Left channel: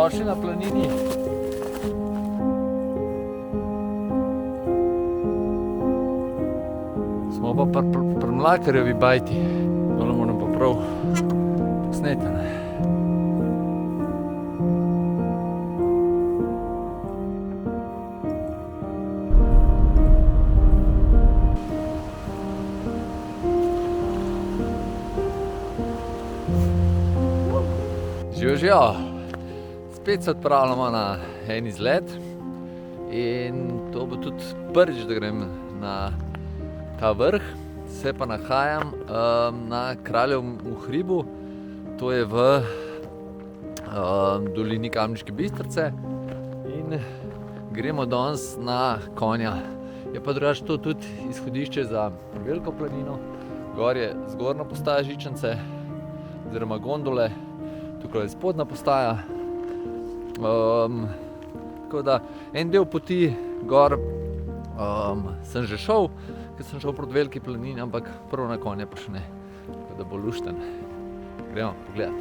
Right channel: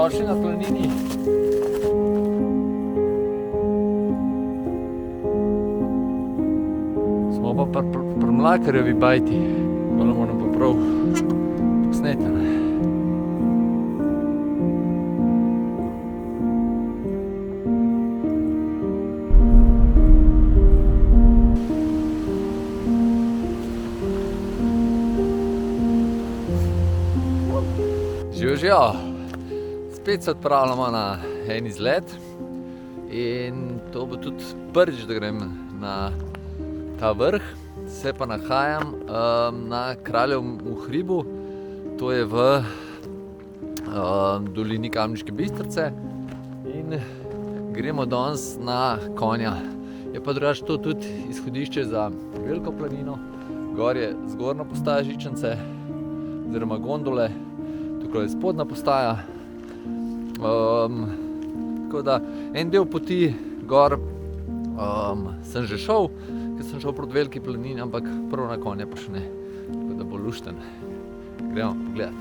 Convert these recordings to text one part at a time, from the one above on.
Dobrodošli na planini. Smo pa pri Mlakarjevi bajti. Tole moram pa prav posneti, ne? Živijo, spet se odpravljamo na en izlet in to bo tudi prvič, da grem na ta vrh. Se pa nahajam na Kraljevem hribu, to je v dolini Kamniške Bistrice in gremo danes na konja. Je pa drugače to tudi izhodišče za Veliko planino, gor je zgornja postaja Žičance oziroma gondole. Tukaj je spodnja postaja, tako da en del poti gor sem že šel, ker sem šel proti Veliki planini, ampak prvo na konje pa še ne, tako da bo lušten. Gremo pogledat.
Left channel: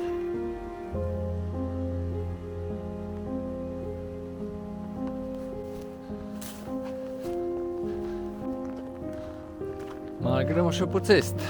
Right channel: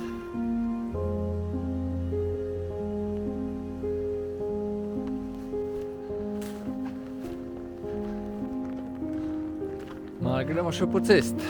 No, gremo še po cesti.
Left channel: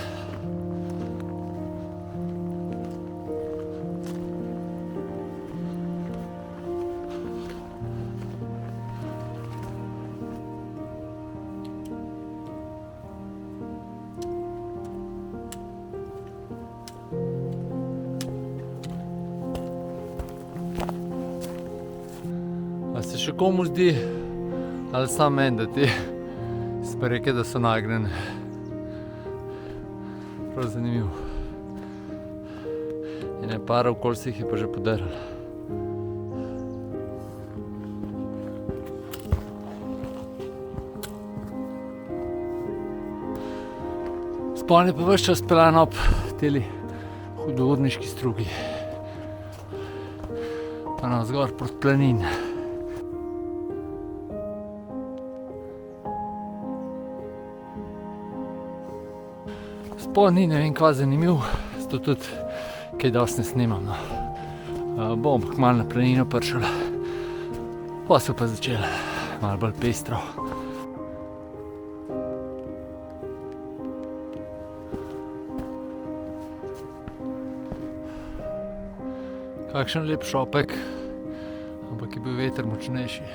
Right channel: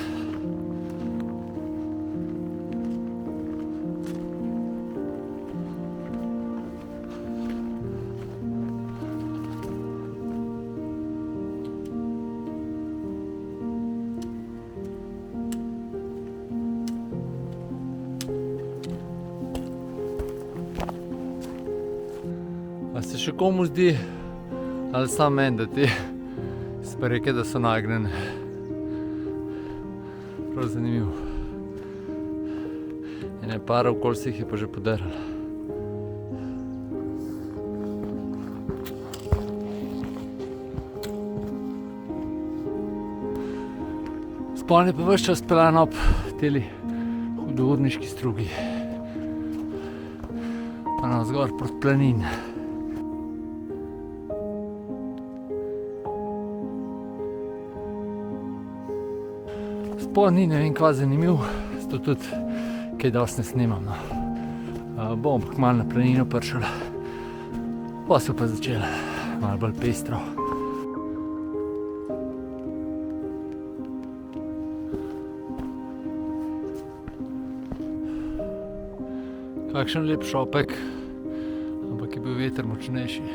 A se še komu zdi, ali samo meni, da te spreke, da so nagnjene? Prav zanimivo. Ene par okoli se jih je pa že podarilo. Spon je pa ves čas peljan ob teli hudourniški strugi. Pa navzgor proti planini. Spod ni ne vem kva zanimiv, zato tudi kaj dosti ne snimam, no. Bom kmalu na planino prišel, pa se pa začel malo bolj pestro. Kakšen lep šopek, ampak je bil veter močnejši.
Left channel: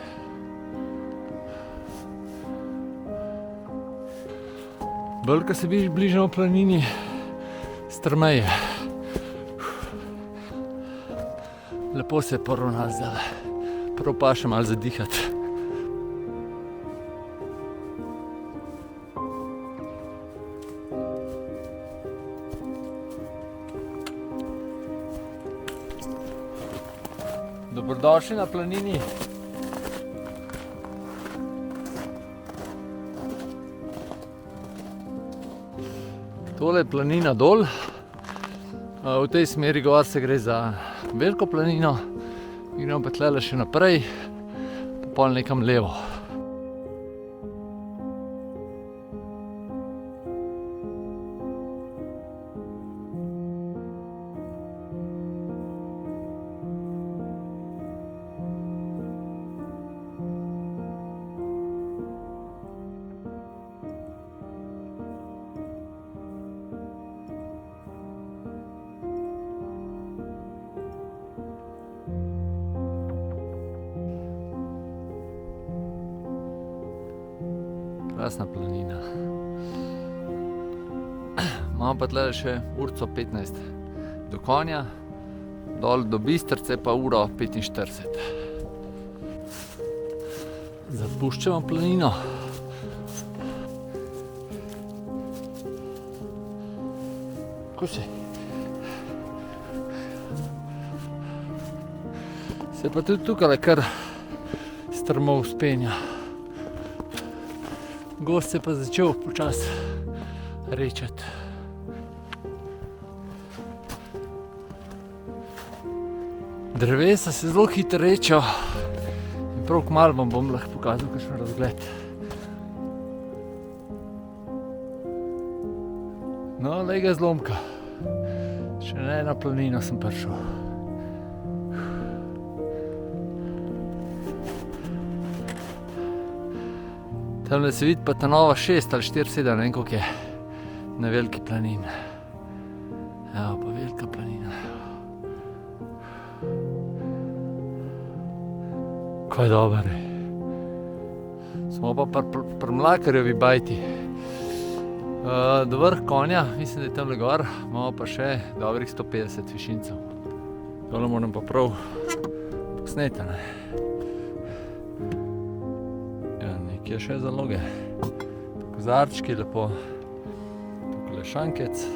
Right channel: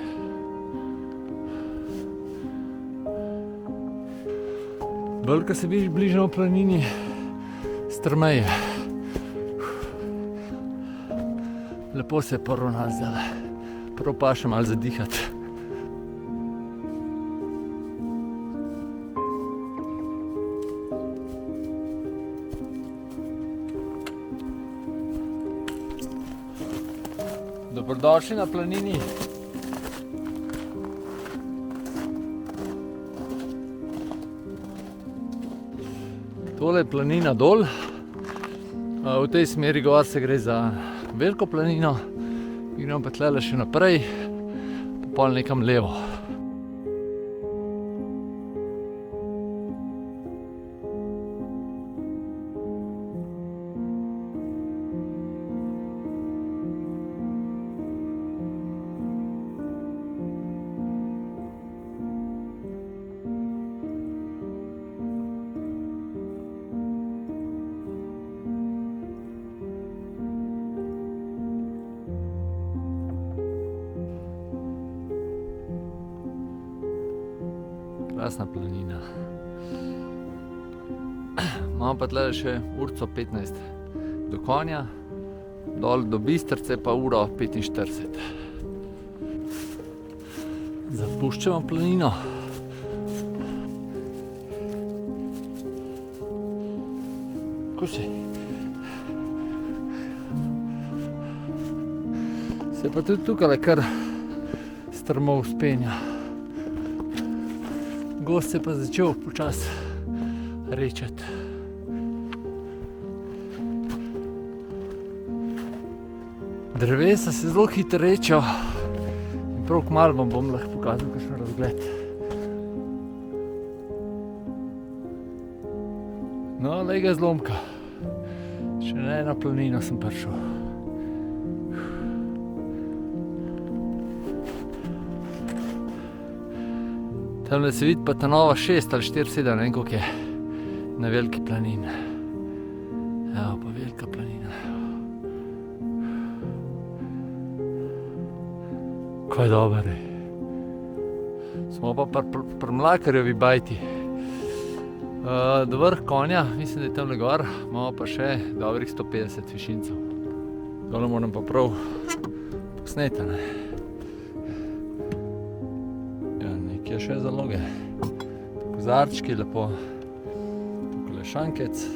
Bolj, ko se bližamo planini, strmeje. Lepo se je poravnalo zdajle. Prav pa še malo zadihati. Dobrodošli na planini. Tole je planina dol, v tej smeri gor se gre za Veliko planino, gremo pa tlele še naprej, pa pol nekam levo. Krasna planina. Imamo pa tle še urco 15 do konja, dol do Bistrice pa uro 45. Zapuščamo planino. Ko si? Se pa tudi tukaj kar strmo vzpenja. Gozd se pa začel počasi rečati. Drevesa se zelo hitro rečejo in prav kmalu vam bom lahko pokazal kakšen razgled. No, glej ga zlomka. Še na eno planino sem prišel. Tamle se vidi pa ta nova 6 ali 4-7, ne vem koliko je, na veliki planini. Evo pa velika planina. Kaj dober je. Smo pa pri Mlakarjevi bajti. Do vrh konja, mislim, da je tamle gor, imamo pa še dobrih 150 višincev. Tole moram pa prav posneti, ne. Ja, nekaj je še zaloge. Kozarčki lepo, tukaj šankec,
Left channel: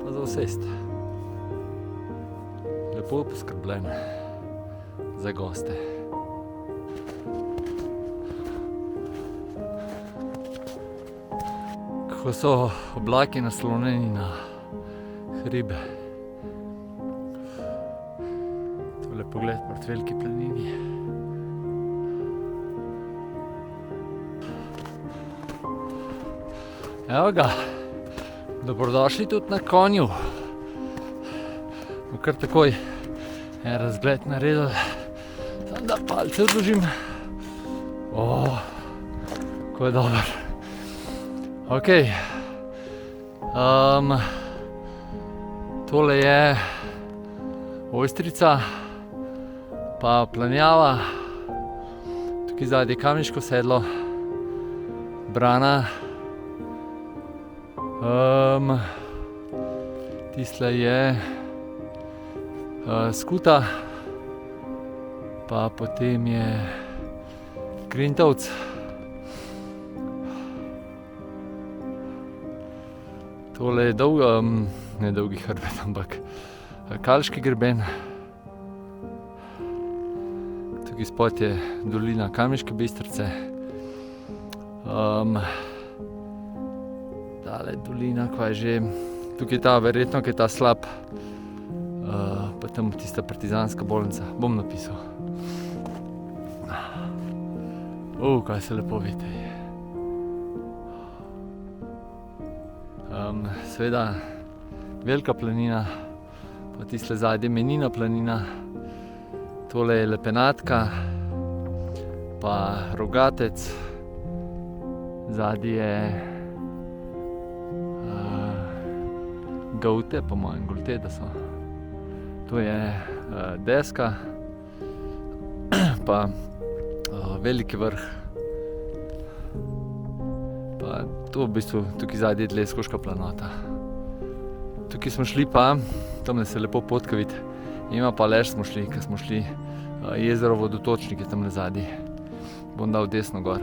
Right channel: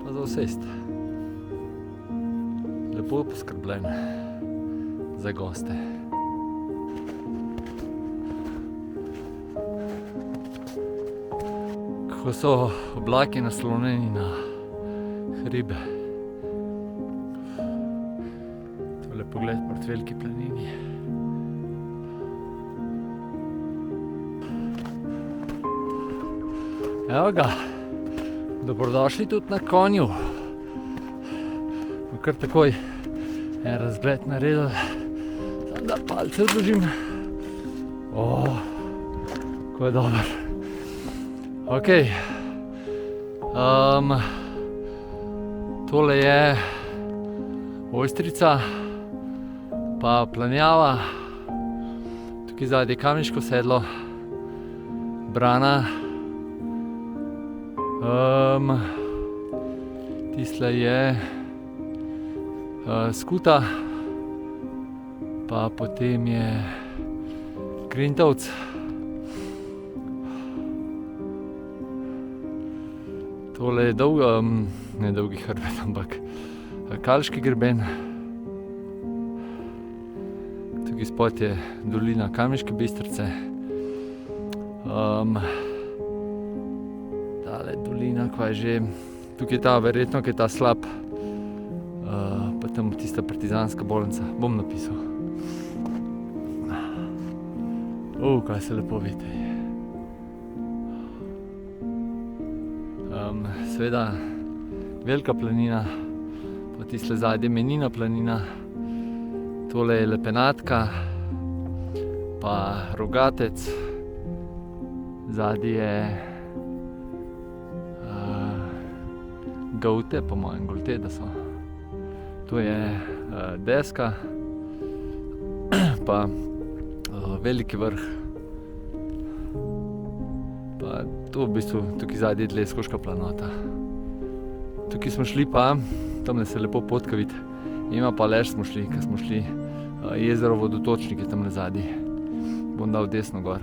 pa za vsest. Lepo poskrbljen za goste. Ko so oblaki naslonjeni na hribe. Tole pogled proti veliki planini. Evo ga, dobrodošli tudi na konju. Bom kar takoj en razgled naredil, samo da palce odložim. Ko je dober. Ok, tole je Ojstrica, pa Planjava, tukaj zadaj je Kamniško sedlo, Brana, tisle je Skuta, pa potem je Grintovc. Tole je ne dolgi hrbet, ampak Kalški greben. Tukaj spod je dolina Kamniške Bistrice. Tale dolina, kva je že, tukaj je ta verjetno, ki je ta slab, pa tam tista partizanska bolnica, bom napisal. Kaj se lepo vidi. Seveda Velika planina, pa tisle zadnje Menina planina, tole je Lepenatka, pa Rogatec, zadnje je Gaute, po mojem Golte, da so. To je Deska, pa Veliki vrh, pa to v bistvu tukaj zadnje je Leskoška planota. Tukaj smo šli pa, tamle se lepo potka vidi, ima pa lež smo šli, ko smo šli jezero Vodotočnik je tamle zadnje. Bom dal desno gor.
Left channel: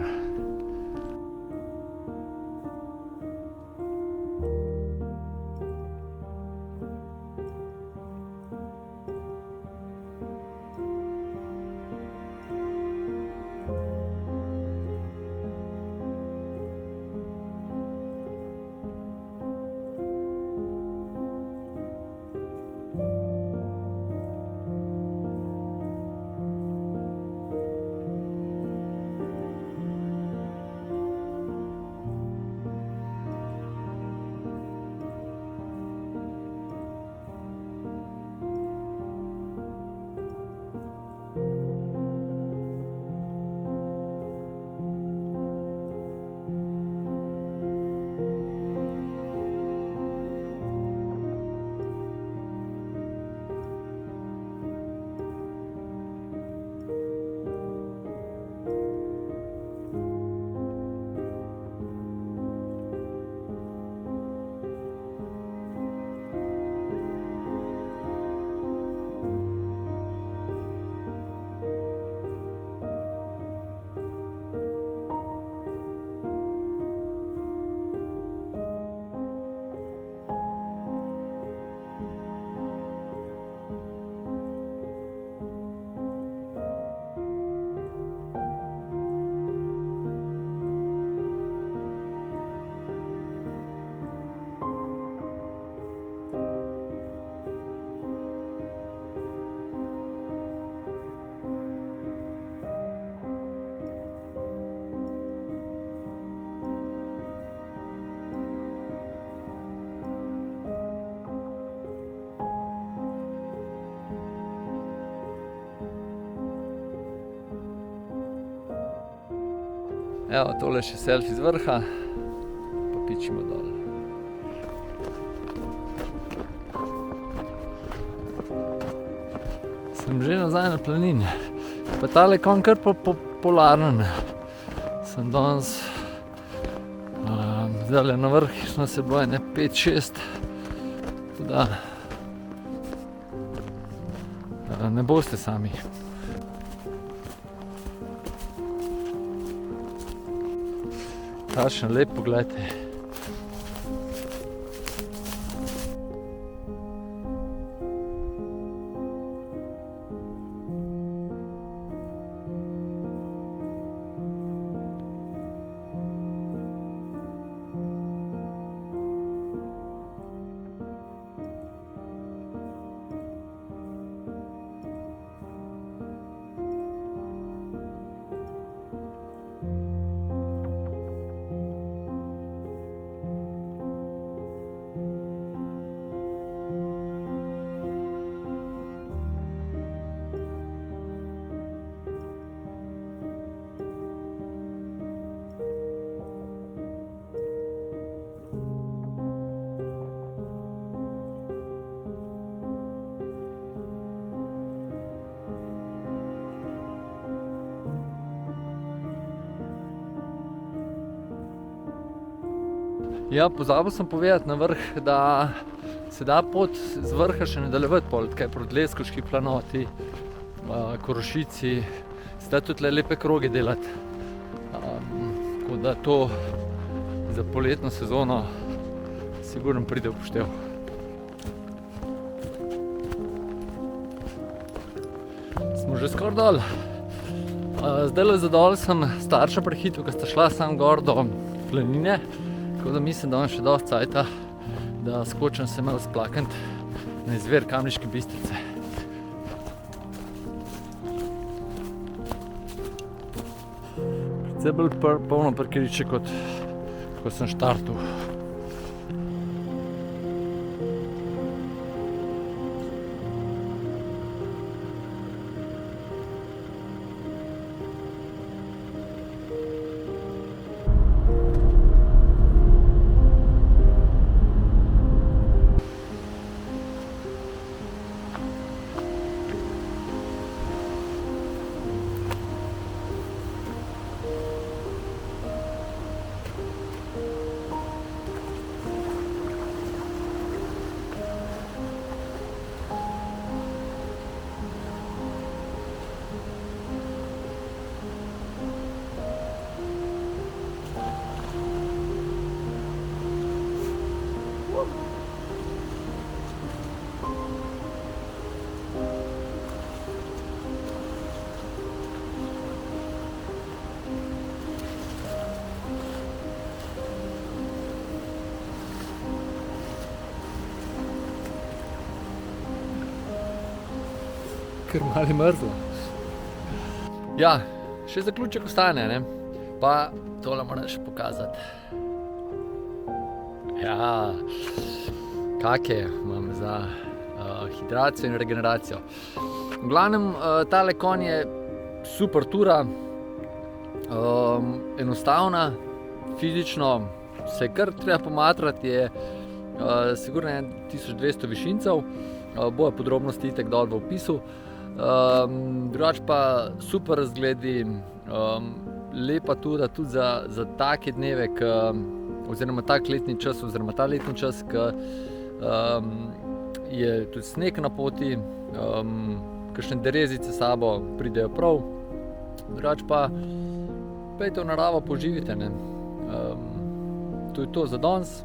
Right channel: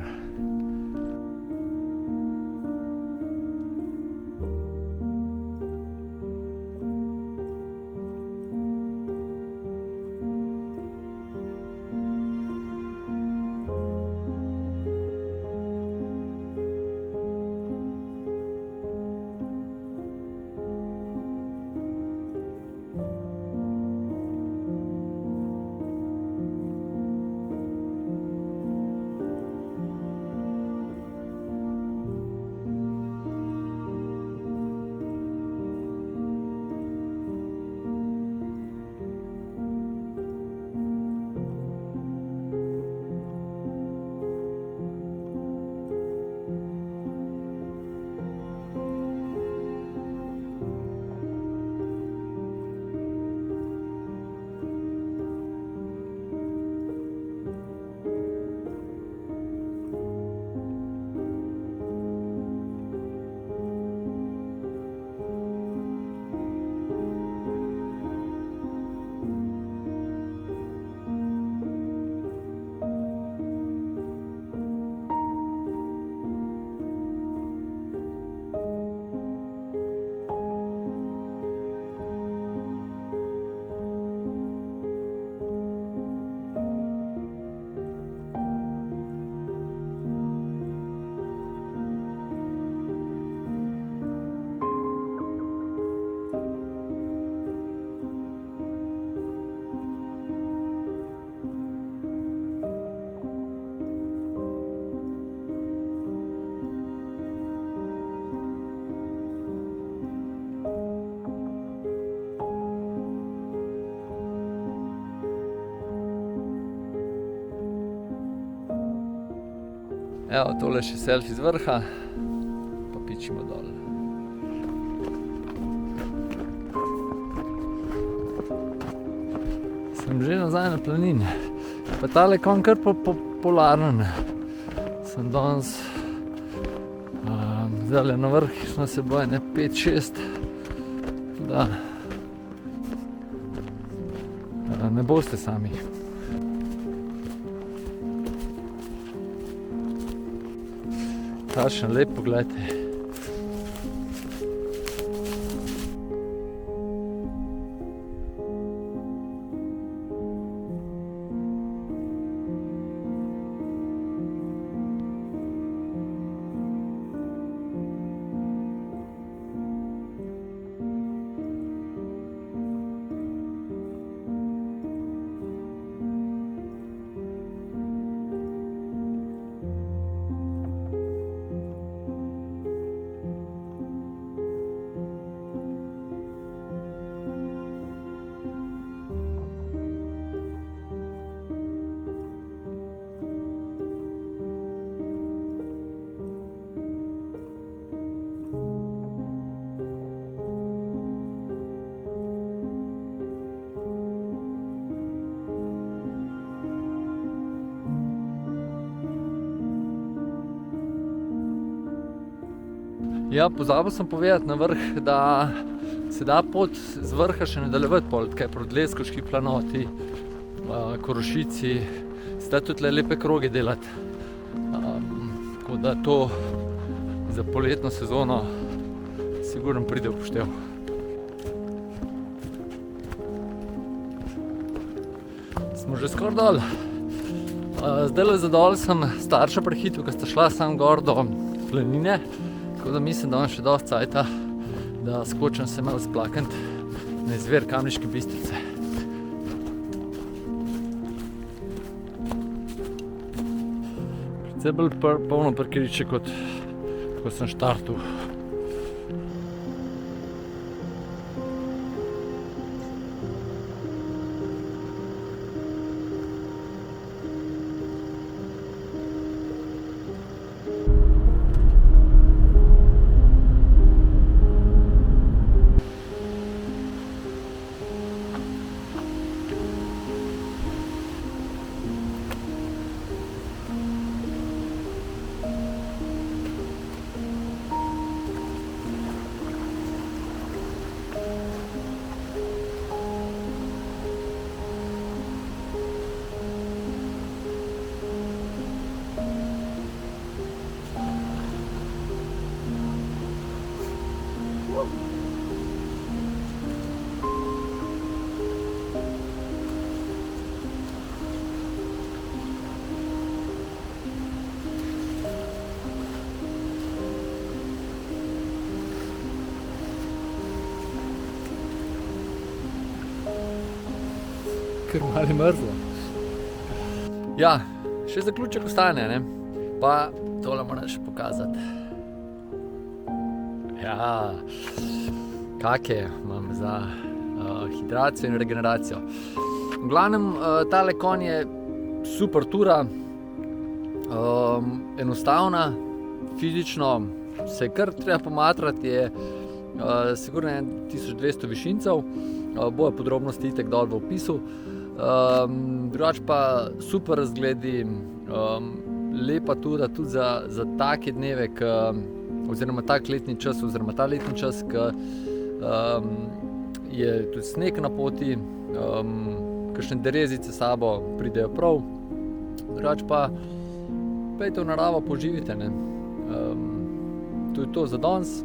Evo, tole še selfie z vrha, pa pičimo dol. Sem že nazaj na planini. Pa tale konj kar popularen. Sem danes zdajle na vrh, na seboj, 5-6. Da ne boste sami. Takšen lep pogled je. Ja, pozabil sem povedati na vrh, da se da pot z vrha še nadaljevati pol, kaj proti Leskovški planoti, Korošici, se da tudi lepe kroge delati. Tako da to za poletno sezono sigurno pride v poštev. Smo že skoraj dol. Zdajle za dol sem starša prehitil, ko sta šla sam gor do planine. Tako da mislim, da imam še dosti cajta, da skočim se malo splaknit na izvir Kamniške Bistrice. Precej bolj polno parkirišče, kot ko sem štartal. Ker malo je mrzlo. Ja, še zaključek ostane, ne? Pa tole moram še pokazati. Ja, kake imam za hidracijo in regeneracijo. V glavnem, tale konj je super tura, enostavna, fizično se kar treba pomatrati, je sigurno 1200 višincev, bojo podrobnosti itek dol v opisu. Drugače pa super razgledi, lepa tura tudi za take dneve, oziroma tak letni čas, oziroma ta letni čas, ki je tudi sneg na poti, kakšne derezice s sabo pridejo prav. Drugače pa pejte v naravo, poživite, ne. To je to za danes.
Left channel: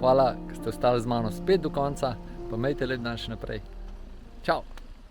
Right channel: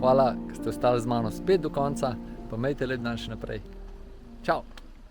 Hvala, ker ste ostali z mano spet do konca, pa imejte lep dan še naprej. Čau!